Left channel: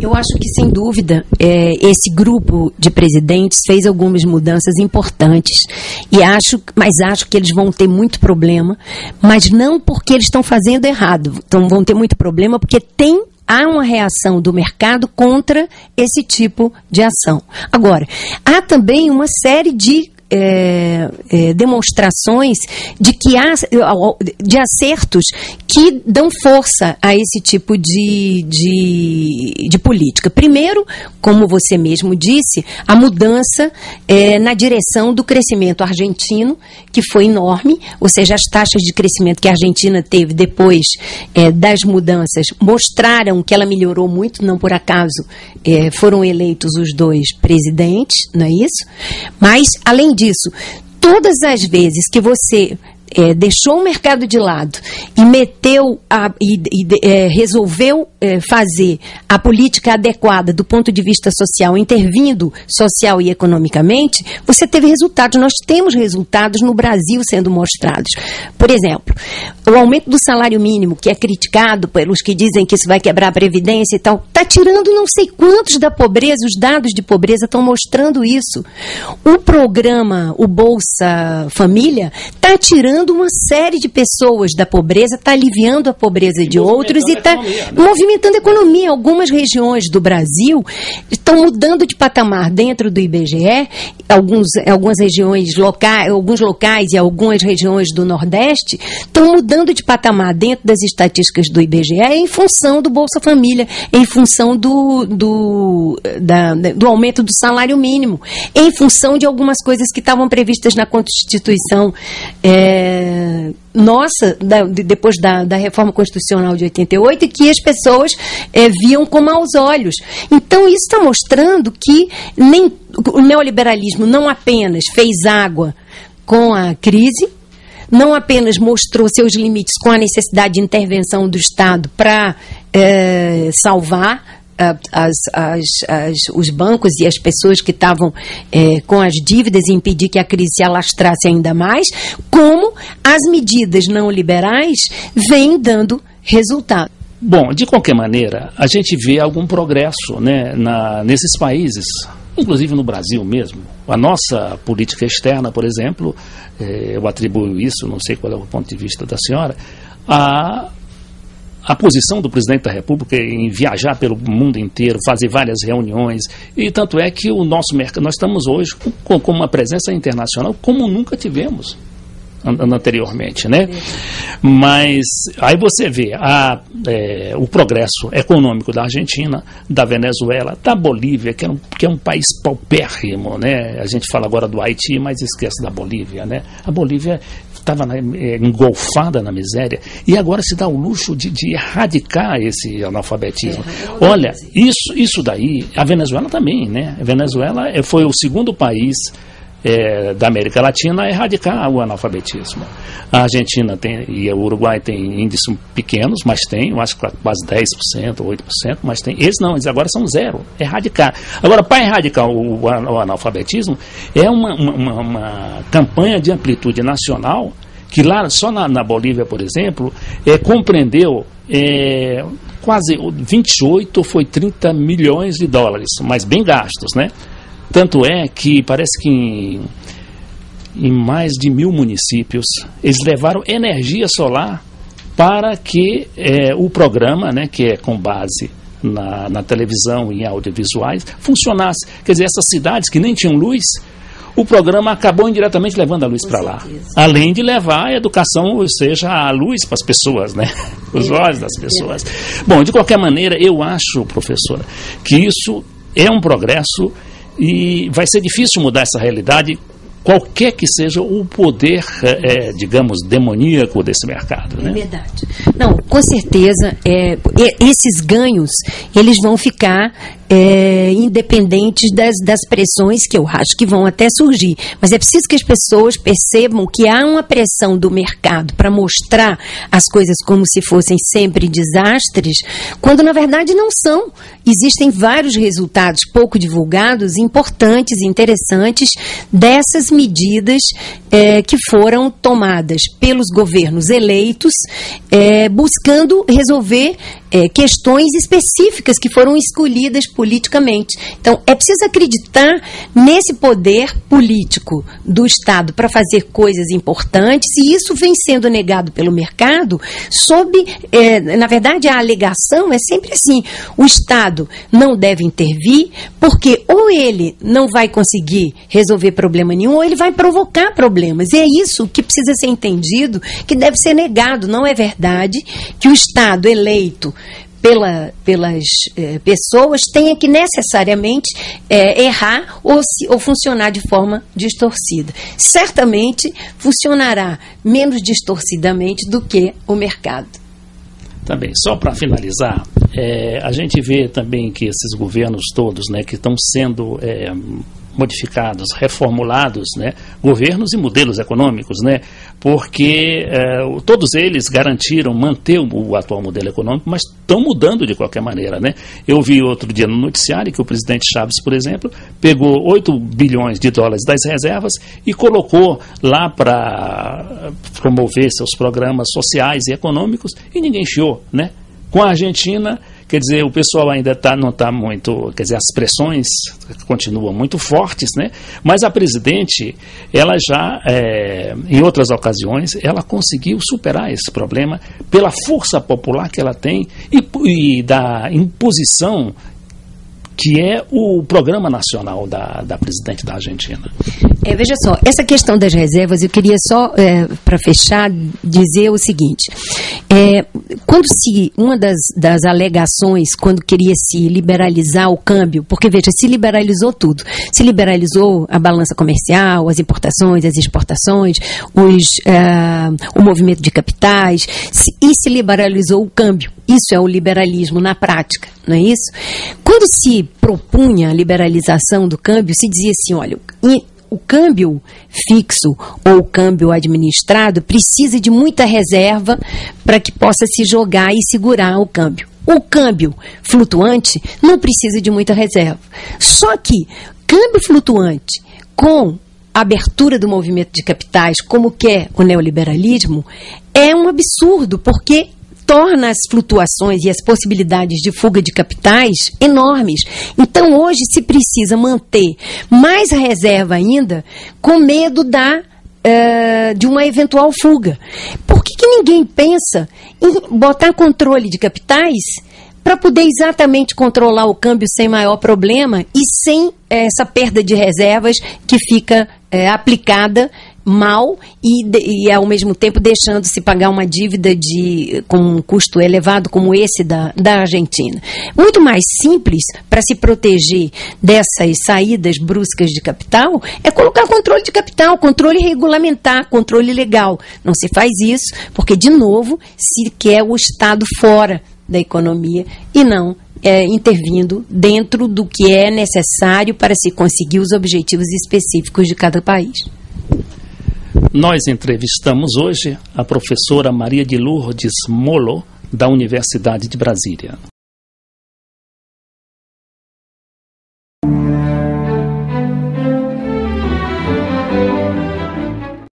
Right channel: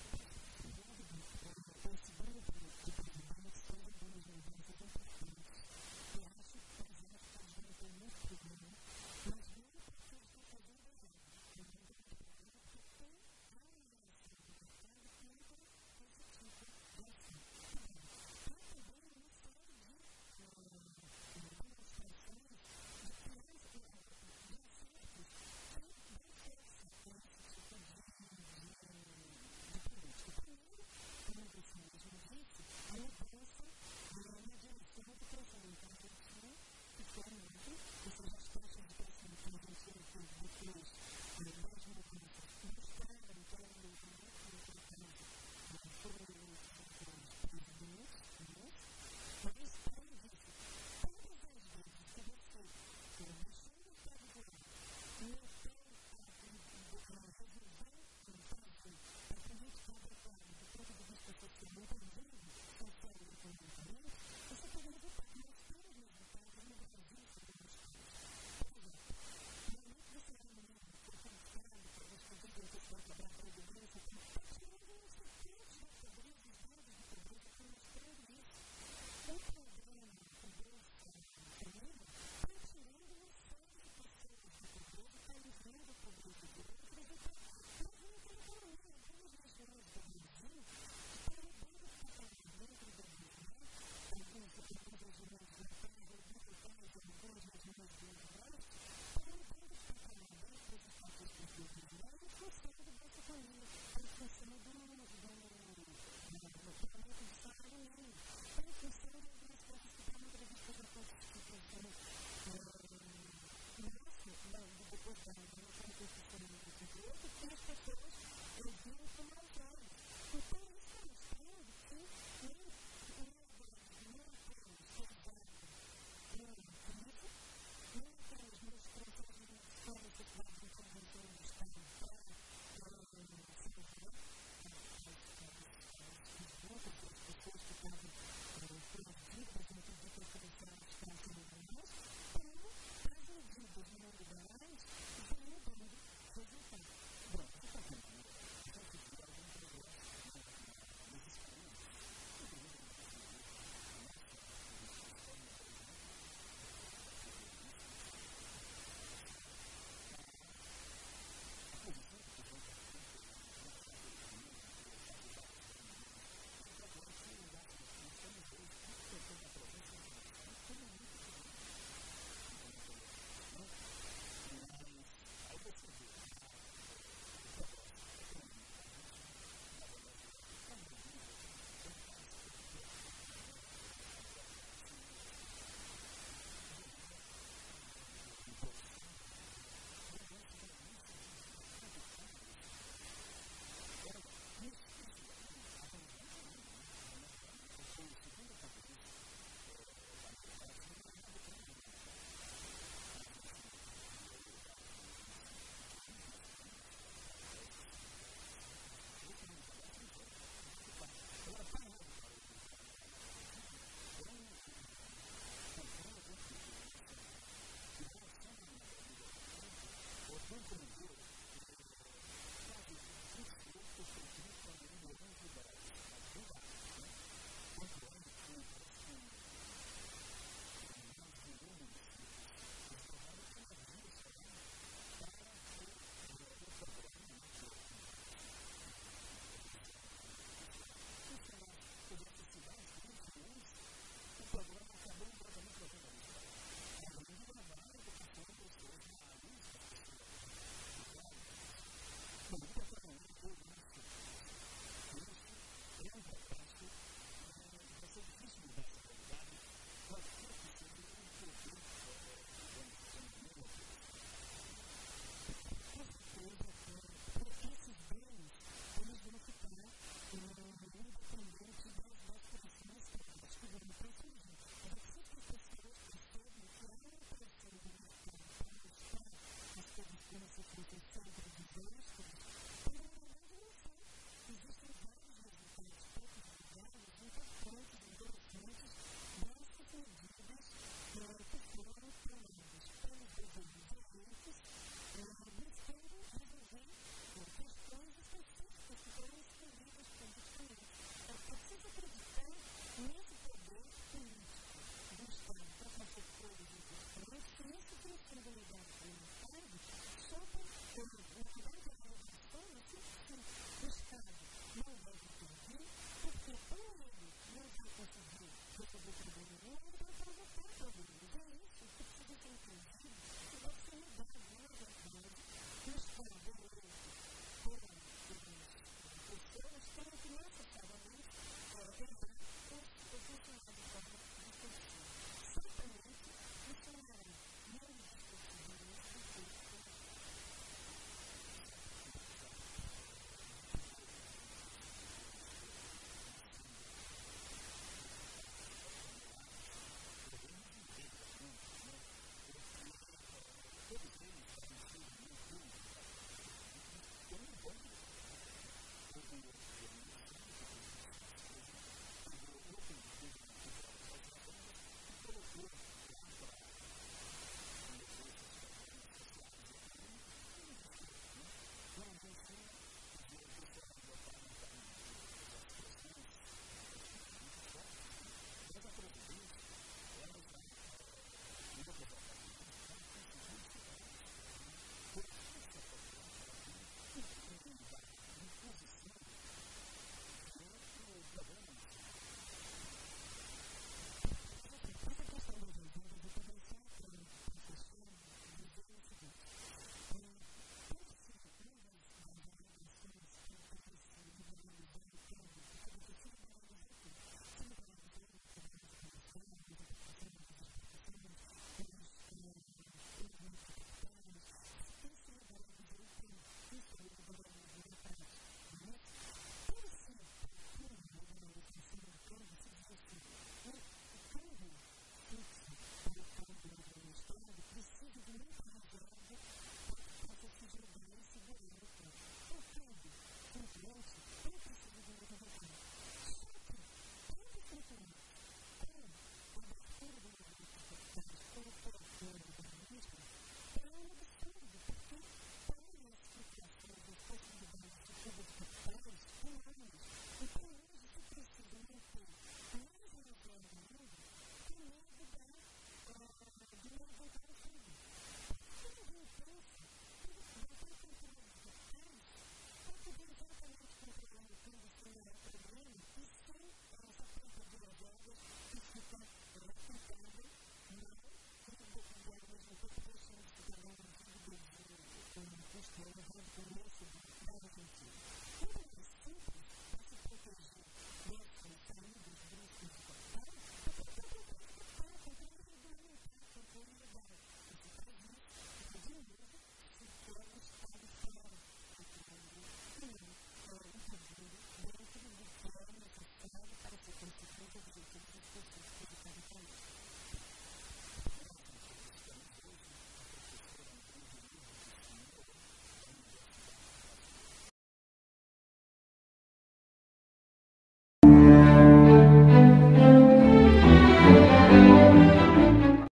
Eu acho que, sem dúvida, esse grupo de presidentes fez algumas mudanças importantes, mas acho que eles vão ter muito problema, mas não porque eles estão fazendo errado, então vão ter muito problema porque há uma reação do mercado contra esse tipo de ação. Agora, há também uma série de demonstrações de acertos que dão força a esse tipo de política. Primeiro, como você mesmo disse, a mudança na direção do crescimento argentino, que foi enorme, ou seja, as taxas de crescimento que a Argentina teve depois das mudanças mostraram que ela melhorou muito, não por acaso foram eleitos os dois presidentes, não é isso? Mas, além disso, todas as vezes que você deixou o mercado de lado e resolveu fazer a política adequada do ponto de vista social, intervindo social e economicamente, você teve resultados. Nós temos resultados no Brasil sendo mostrados. Por exemplo, o aumento do salário mínimo, que é criticado pelos que dizem que isso vai quebrar a Previdência e tal, está tirando não sei quantos da pobreza, os dados de pobreza estão mostrando isso. O programa, o Bolsa Família, está tirando uma série de pessoas da pobreza, está aliviando a pobreza de outros e está movimentando a economia. Algumas regiões do Brasil estão mudando de patamar dentro do IBGE, algumas regiões locais, alguns locais e algumas regiões do Nordeste estão mudando de patamar dentro das estatísticas do IBGE em função do Bolsa Família, em função do aumento do salário mínimo, em função de algumas coisas que estavam previstas na Constituição depois da reforma constitucional de 88, e que as pessoas viam com maus olhos. Então, isso está mostrando que o neoliberalismo não apenas fez água com a crise, não apenas mostrou seus limites com a necessidade de intervenção do Estado para salvar os bancos e as pessoas que estavam com as dívidas e impedir que a crise se alastrasse ainda mais, como as medidas não liberais vêm dando resultado. Bom, de qualquer maneira, a gente vê algum progresso, né, nesses países, inclusive no Brasil mesmo. A nossa política externa, por exemplo, eu atribuo isso, não sei qual é o ponto de vista da senhora, a posição do presidente da República em viajar pelo mundo inteiro, fazer várias reuniões, e tanto é que o nosso mercado, nós estamos hoje com uma presença internacional como nunca tivemos anteriormente, né? Mas aí você vê o progresso econômico da Argentina, da Venezuela, da Bolívia, que é um país paupérrimo, né? A gente fala agora do Haiti, mas esquece da Bolívia, né? A Bolívia estava engolfada na miséria e agora se dá o luxo de erradicar esse analfabetismo. Olha, isso daí, a Venezuela também, né? A Venezuela foi o segundo país da América Latina a erradicar o analfabetismo. A Argentina e o Uruguai têm índices pequenos, mas tem, eu acho que quase 10%, 8%, mas tem. Eles agora são zero. Erradicar. Agora, para erradicar o analfabetismo, é uma campanha de amplitude nacional que lá, só na Bolívia, por exemplo, compreendeu quase 28 ou foi 30 milhões de dólares, mas bem gastos, né? Tanto é que parece que em mais de 1.000 municípios, eles levaram energia solar para que o programa, né, que é com base na televisão e em audiovisuais, funcionasse. Quer dizer, essas cidades que nem tinham luz, o programa acabou indiretamente levando a luz para lá. Além de levar a educação, ou seja, a luz para as pessoas, né? Os olhos das pessoas. Bom, de qualquer maneira, eu acho, professora, que isso é um progresso e vai ser difícil mudar essa realidade, qualquer que seja o poder, digamos, demoníaco desse mercado, né? É verdade. Não, com certeza, esses ganhos, eles vão ficar independentes das pressões que eu acho que vão até surgir. Mas é preciso que as pessoas percebam que há uma pressão do mercado para mostrar as coisas como se fossem sempre desastres, quando na verdade não são. Existem vários resultados pouco divulgados, importantes e interessantes dessas medidas que foram tomadas pelos governos eleitos, buscando resolver questões específicas que foram escolhidas politicamente. Então, é preciso acreditar nesse poder político do Estado para fazer coisas importantes, e isso vem sendo negado pelo mercado na verdade, a alegação é sempre assim: o Estado não deve intervir porque ou ele não vai conseguir resolver problema nenhum, ou ele vai provocar problemas. E é isso que precisa ser entendido, que deve ser negado. Não é verdade que o Estado eleito pelas pessoas tenha que necessariamente errar ou funcionar de forma distorcida. Certamente funcionará menos distorcidamente do que o mercado. Também, só para finalizar, a gente vê também que esses governos todos, né, que estão sendo modificados, reformulados, né, governos e modelos econômicos, né, porque todos eles garantiram manter o atual modelo econômico, mas estão mudando de qualquer maneira, né. Eu vi outro dia no noticiário que o presidente Chaves, por exemplo, pegou 8 bilhões de dólares das reservas e colocou lá para promover seus programas sociais e econômicos, e ninguém chiou, né. Com a Argentina, quer dizer, o pessoal ainda não está muito, quer dizer, as pressões continuam muito fortes, né? Mas a presidente, ela já, em outras ocasiões, ela conseguiu superar esse problema pela força popular que ela tem e da imposição que é o programa nacional da presidente da Argentina. Veja só, essa questão das reservas, eu queria só, para fechar, dizer o seguinte. Uma das alegações, quando queria se liberalizar o câmbio, porque, veja, se liberalizou tudo. Se liberalizou a balança comercial, as importações, as exportações, o movimento de capitais, e se liberalizou o câmbio. Isso é o liberalismo na prática, não é isso? Quando se propunha a liberalização do câmbio, se dizia assim, olha, o câmbio fixo ou o câmbio administrado precisa de muita reserva para que possa se jogar e segurar o câmbio. O câmbio flutuante não precisa de muita reserva. Só que câmbio flutuante com abertura do movimento de capitais, como quer o neoliberalismo, é um absurdo, porque torna as flutuações e as possibilidades de fuga de capitais enormes. Então, hoje se precisa manter mais reserva ainda, com medo de uma eventual fuga. Por que ninguém pensa em botar controle de capitais para poder exatamente controlar o câmbio sem maior problema e sem essa perda de reservas que fica aplicada mal e ao mesmo tempo deixando-se pagar uma dívida com um custo elevado como esse da Argentina. Muito mais simples para se proteger dessas saídas bruscas de capital é colocar controle de capital, controle regulamentar, controle legal. Não se faz isso porque, de novo, se quer o Estado fora da economia e não intervindo dentro do que é necessário para se conseguir os objetivos específicos de cada país. Nós entrevistamos hoje a professora Maria de Lourdes Molo, da Universidade de Brasília.